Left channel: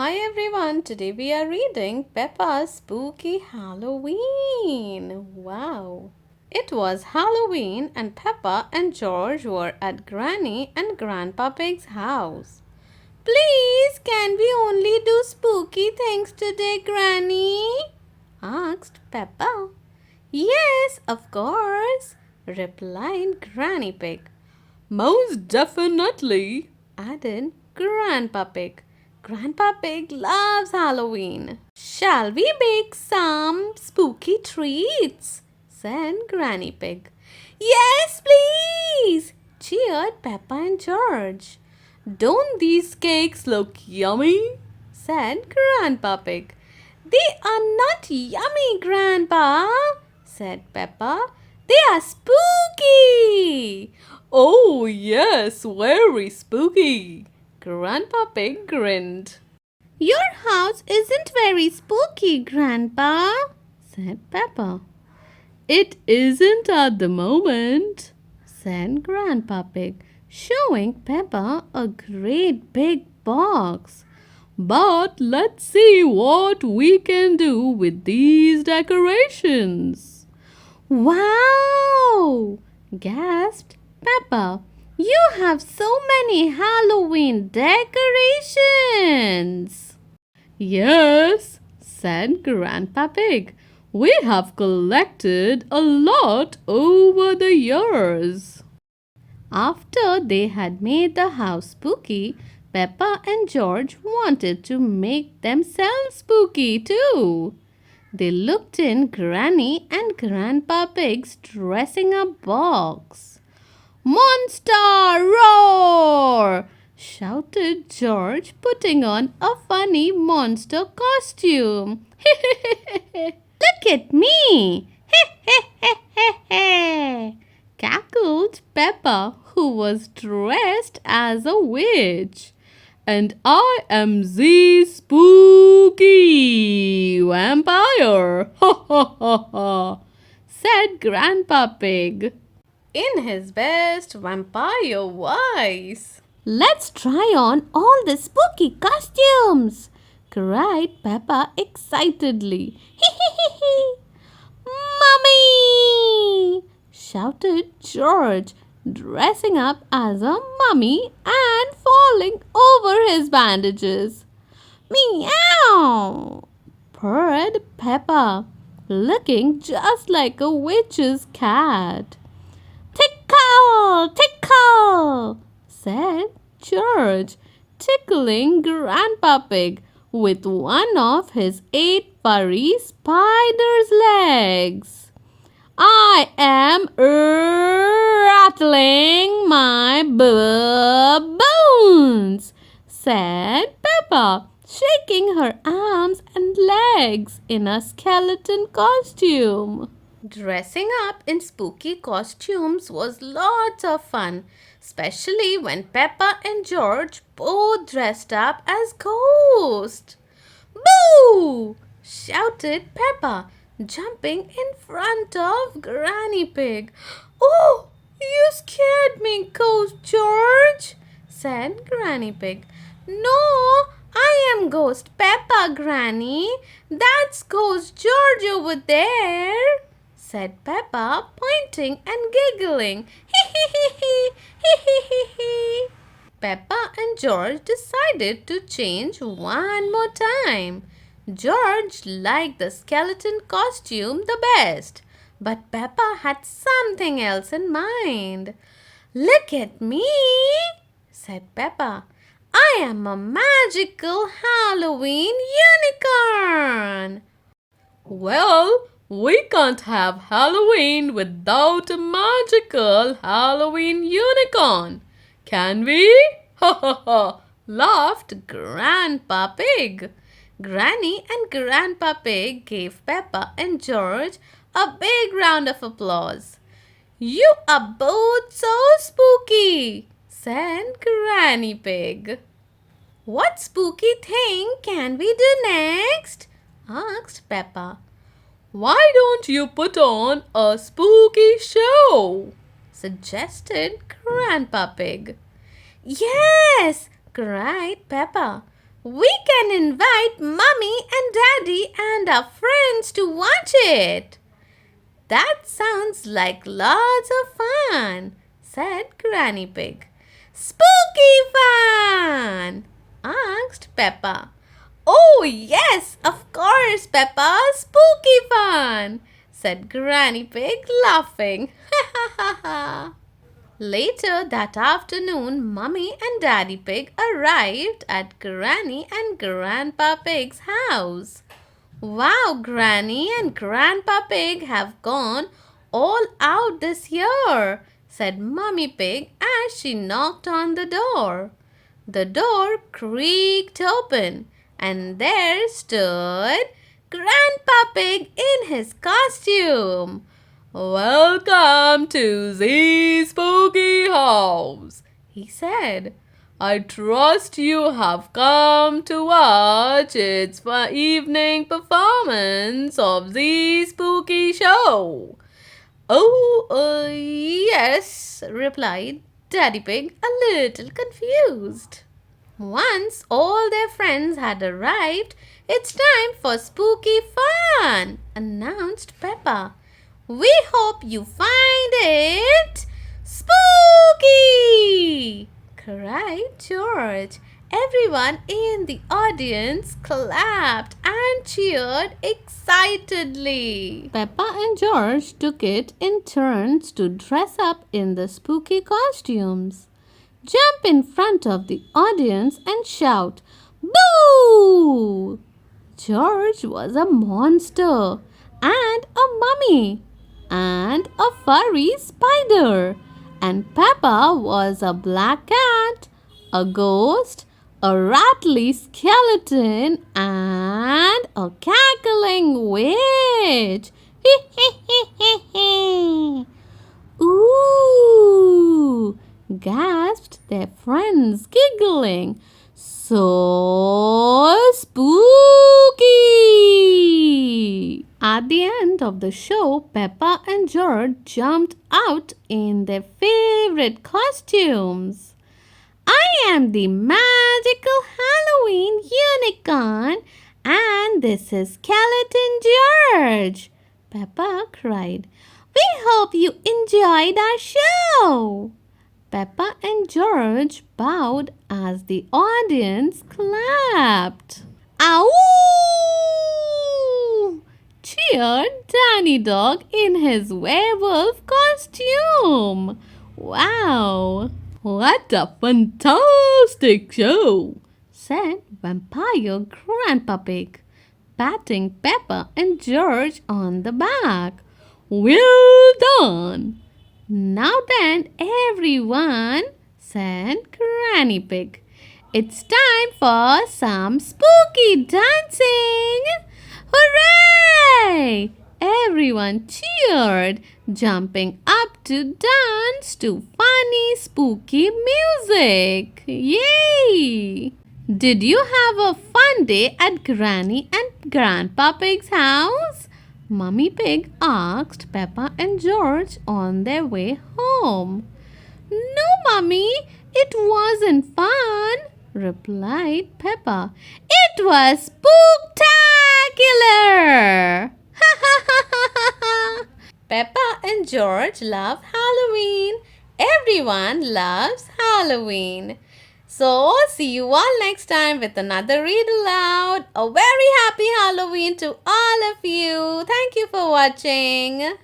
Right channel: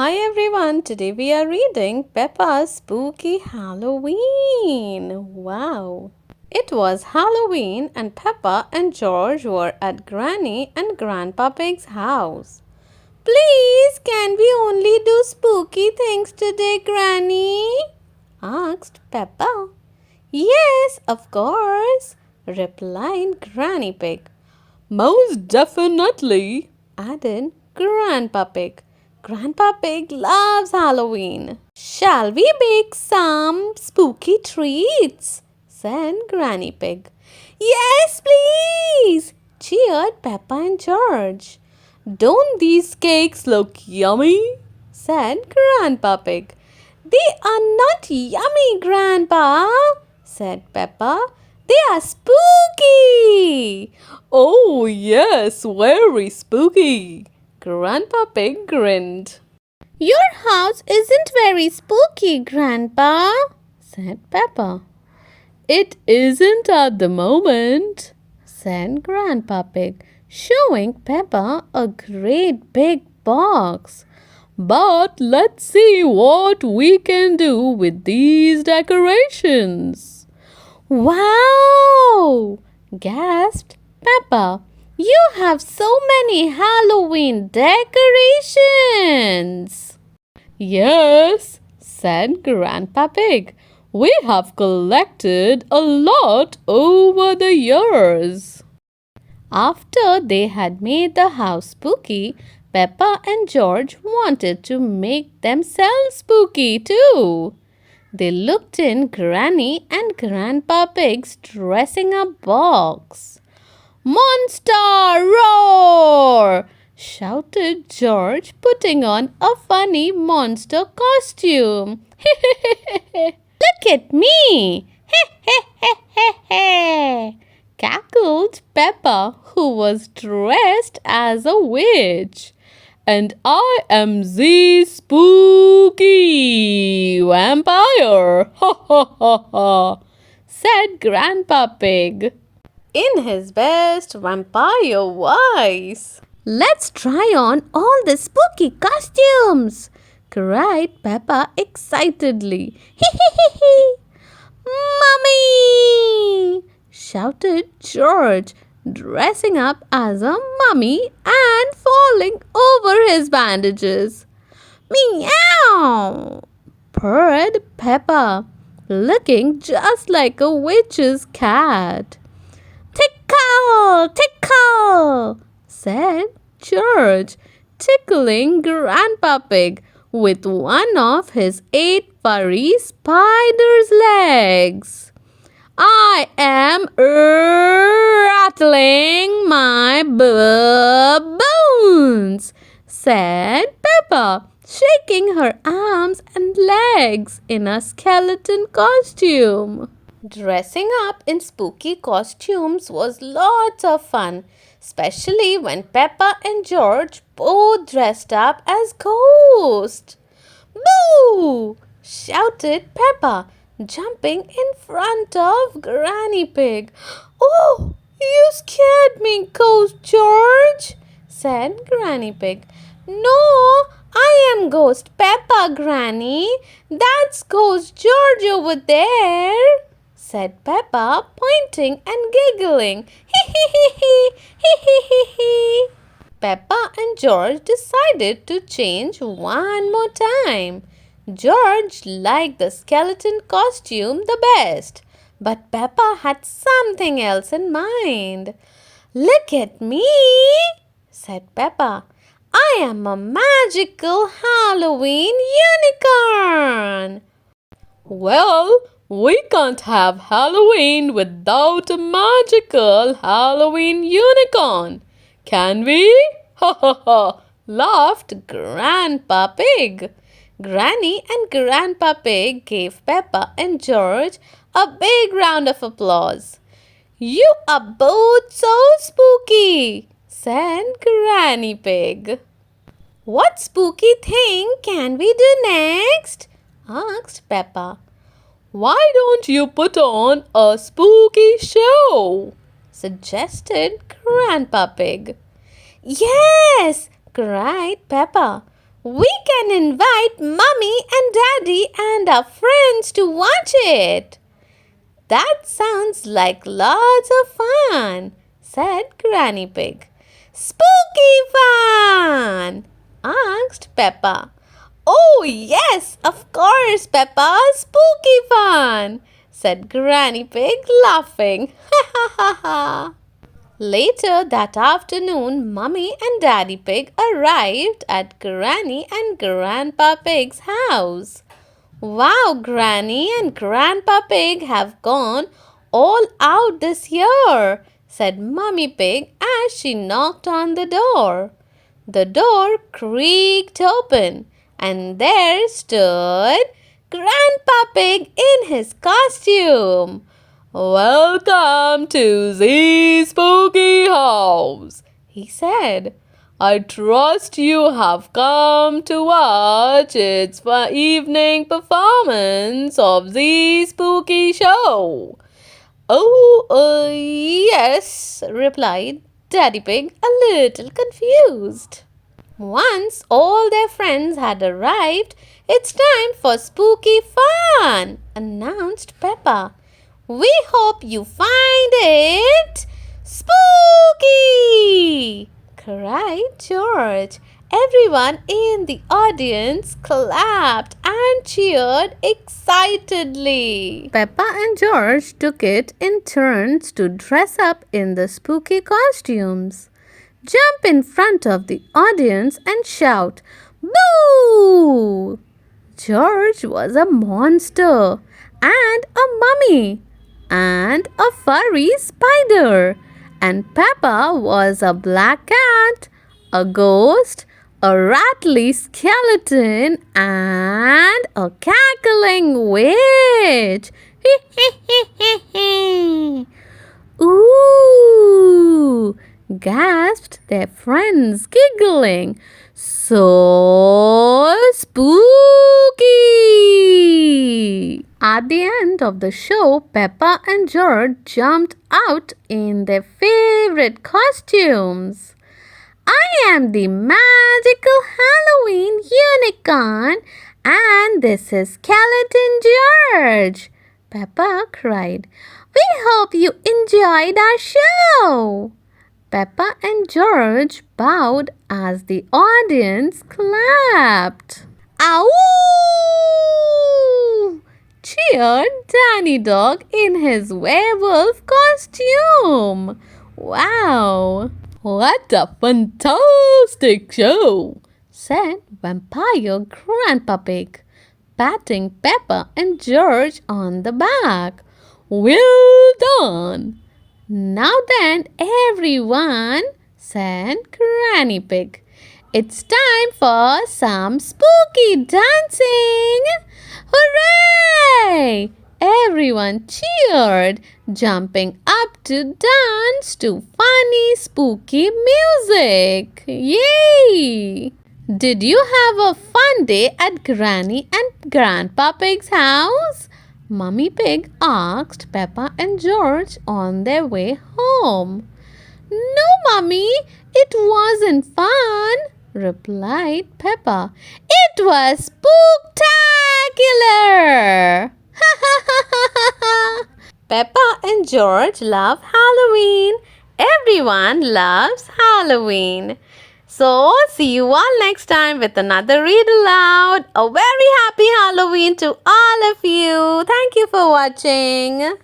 Hi everyone, today we are reading Peppa's Spooky Halloween. Wow! It was Halloween and Peppa and George were at Granny and Grandpa Pig's house. Please, can we only do spooky things today, Granny? Asked Peppa. Yes, of course, replied Granny Pig. Most definitely, added Grandpa Pig. Grandpa Pig loves Halloween. Shall we bake some spooky treats? Said Granny Pig. Yes, please, cheered Peppa and George. Don't these cakes look yummy? Said Grandpa Pig. They are not yummy, Grandpa, said Peppa. They are spooky. Oh, yes, very spooky. Grandpa Pig grinned. Your house isn't very spooky, Grandpa, said Peppa. It isn't at the moment, said Grandpa Pig, showing Peppa a great big box. But let's see what we can do with these decorations. Wow! Gasped Peppa. You have so many Halloween decorations. Yes, said Grandpa Pig. We have collected a lot over the years. After they had made the house spooky, Peppa and George wanted to make themselves spooky too. They looked in Granny and Grandpa Pig's dressing up box. Monster roar! Shouted George, putting on a funny monster costume. Look at me! Cackled Peppa, who was dressed as a witch. And I am the spooky vampire, ha ha ha ha, said Grandpa Pig in his best vampire voice. Let's try on all the spooky costumes, cried Peppa excitedly. Hee hee hee hee. Mummy! Shouted George, dressing up as a mummy and falling over his bandages. Meow! Purred Peppa, looking just like a witch's cat. Tickle! Tickle! Said George, tickling Grandpa Pig with one of his 8 furry spider's legs. I am rattling my bones, said Peppa, shaking her arms and legs in a skeleton costume. Dressing up in spooky costumes was lots of fun, especially when Peppa and George both dressed up as ghosts. Boo! Shouted Peppa, jumping in front of Granny Pig. Oh, you scared me, Ghost George, said Granny Pig. No, I am Ghost Peppa, Granny. That's Ghost George over there, said Peppa, pointing and giggling. Hee hee hee hee, hee hee hee hee. Peppa and George decided to change one more time. George liked the skeleton costume the best, but Peppa had something else in mind. Look at me, said Peppa. I am a magical Halloween unicorn. Well, we can't have Halloween without a magical Halloween unicorn, can we? Ha ha ha, laughed Grandpa Pig. Granny and Grandpa Pig gave Peppa and George a big round of applause. You are both so spooky, said Granny Pig. What spooky thing can we do next? Asked Peppa. Why don't you put on a spooky show? Suggested Grandpa Pig. Yes, cried Peppa. We can invite Mummy and Daddy and our friends to watch it. That sounds like lots of fun, said Granny Pig. Spooky fun, asked Peppa. Oh, yes, of course, Peppa, spooky fun, said Granny Pig, laughing. Ha ha ha ha. Later that afternoon, Mummy and Daddy Pig arrived at Granny and Grandpa Pig's house. Wow, Granny and Grandpa Pig have gone all out this year, said Mummy Pig as she knocked on the door. The door creaked open, and there stood Grandpa Pig in his costume. Welcome to the spooky house, he said. I trust you have come to watch its evening performance of the spooky show. Oh, yes, replied Daddy Pig, a little confused. Once all their friends had arrived, it's time for spooky fun, announced Peppa. We hope you find it spooky, cried George. Everyone in the audience clapped and cheered excitedly. Peppa and George took it in turns to dress up in the spooky costumes. Jump in front of the audience and shout, "Boo!" George was a monster and a mummy and a furry spider, and Peppa was a black cat, a ghost, a rattly skeleton, and a cackling witch. Ooh! Gasped their friends, giggling. So spooky! At the end of the show, Peppa and George jumped out in their favorite costumes. I am the magical Halloween unicorn, and this is Skeleton George, Peppa cried. We hope you enjoyed our show. Peppa and George bowed as the audience clapped. Ow! Cheered Danny Dog in his werewolf costume. Wow! What a fantastic show, said Vampire Grandpa Pig, patting Peppa and George on the back. Well done! Now then, everyone, said Granny Pig, it's time for some spooky dancing! Hooray! Everyone cheered, jumping up to dance to funny, spooky music. Yay! Did you have a fun day at Granny and Grandpa Pig's house? Mummy Pig asked Peppa and George on their way home. No, Mummy, it wasn't fun, replied Peppa. It was spooktacular! Ha ha ha ha ha! Peppa and George love Halloween. Everyone loves Halloween. So, see you all next time with another read aloud. A very happy Halloween to all of you. Thank you for watching.